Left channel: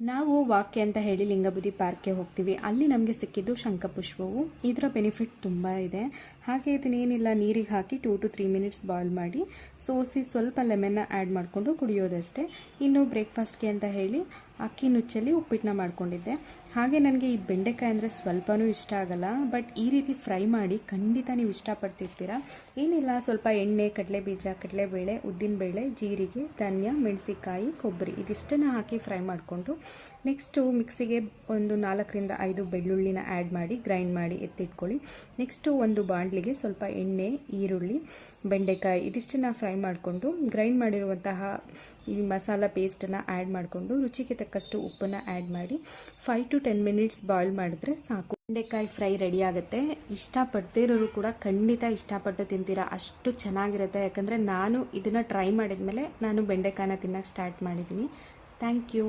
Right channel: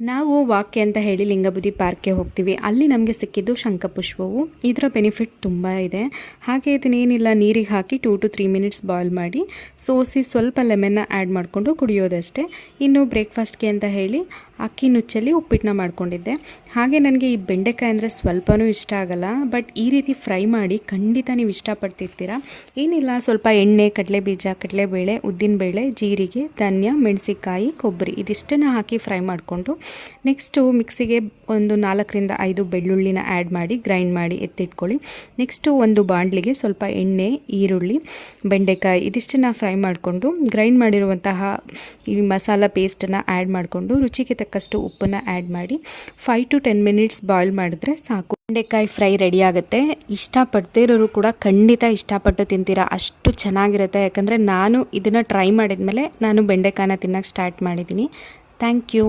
ನಾವು ವಾಕ್ಯ ಅಂತ ಹೇಳಿ ಲಿಂಗಬುದಿ ಪಾರ್ಕ್ಗೆ ಹೋಗ್ತೀವಿ. ಅಲ್ಲಿ ನಮಗೆ ಸಿಕ್ಕಿದ್ದು ಶಂಖಪುಷ್ಪವು. ಇದರ ಬೆನಿಫಿಟ್ ತುಂಬ ಇದೆ. ಹಾಗೆ ಇದನ್ನೇನಿಲ್ಲ, ನೀರಿಗೆ ಹಾಕಿ 2 to 3 ಮಿನಿಟ್ಸ್ ಬಾಯ್ಲ್ ಮಾಡಿ ಸೋಸಿ ಸ್ವಲ್ಪ ಲೆಮನ್ನ ಆ್ಯಡ್ ಮಾಡಿಕೊಂಡು ಕುಡಿಯೋದಷ್ಟೇ. ಇನ್ನು ಬ್ರೇಕ್ಫಾಸ್ಟ್ಗೆ ಅಂತ ಹೇಳಿ ಅಕ್ಕಿ ನುಚ್ಚಲ್ಲಿ ಉಪ್ಪಿಟ್ಟನ್ನ ಮಾಡ್ಕೊಂಡಿದ್ದೆ. ಹಾಗೆ ನನಗೆ ಈ ಬೆಂಡೆಕಾಯಿ ಅಂದರೆ ಸ್ವಲ್ಪನೂ ಇಷ್ಟ ಆಗಲ್ಲ, ಬಟ್ ಈ ರೀತಿ ಫ್ರೈ ಮಾಡಿ ಖಂಡಿತ ನೀವು ಇಷ್ಟಪಡ್ತಿರ್ತೀರ. ಏನಿಲ್ಲ, ಸ್ವಲ್ಪ ಎಣ್ಣೆ, ಕಡಲೆಬೀಜ, ಕಡಲೆಬೇಳೆ, ಉದ್ದಿನಬೇಳೆ, ಜೀರಿಗೆ, ಧನ್ಯ, ಮೆಣಸಿಕಾಯಿ, ಕೊಬ್ಬರಿ ಇದಿಷ್ಟನ್ನು ಹಾಕಿ ಫ್ರೈ ಮಾಡಿಕೊಂಡು ನೆಕ್ಸ್ಟು ಮಿಕ್ಸಿಗೆ ಒಂದು 4ರಿಂದ 5 ಬೆಳ್ಳುಳ್ಳಿನ ಆ್ಯಡ್ ಮಾಡಿ ಗ್ರೈಂಡ್ ಮಾಡಿ ಎತ್ತಿಟ್ಕೊಳ್ಳಿ. ನೆಕ್ಸ್ಟು ಒಂದು ಬಾಣಲಿಗೆ ಸ್ವಲ್ಪ ಎಣ್ಣೆ, ಈರುಳ್ಳಿ, ಬೆಂಡೆಕಾಯಿ ಇದಿಷ್ಟನ್ನು ಫ್ರೈ ಮಾಡಿಕೊಂಡು ಗ್ರೈಂಡ್ ಮಾಡಿರುವಂತಹ ಈ ಮಸಾಲ ಪೇಸ್ಟನ್ನು ಆ್ಯಡ್ ಮಾಡಿಕೊಂಡು ರುಚಿಗೆ ತಕ್ಕಷ್ಟು ಉಪ್ಪನ್ನು ಆ್ಯಡ್ ಮಾಡಿ 5 to 10 ಮಿನಿಟ್ಸ್ ಬಾಯ್ಲ್ ಮಾಡಿದ್ರೆ ಸಾಕು. ಬೆಂಡೆಕಾಯಿ ಫ್ರೈ ರೆಡಿ ಆಗುತ್ತೆ. ಇಷ್ಟಪಡದೇ ಇರೋರು ಕೂಡ ಖಂಡಿತ ಇಷ್ಟಪಟ್ಟು ತಿಂತೀರಾ, ಅಷ್ಟು ಚೆನ್ನಾಗಿರುತ್ತೆ. ಯಾಕಂದರೆ ನಾನು ಇದನ್ನು ಟ್ರೈ ಮಾಡಿದ್ಮೇಲೆ ನಾನು ಬೆಂಡೆಕಾಯಿನ ತಿನ್ನೋಕ್ಕೆ ಸ್ಟಾರ್ಟ್ ಮಾಡಿದ್ದೀನಿ. Thank you.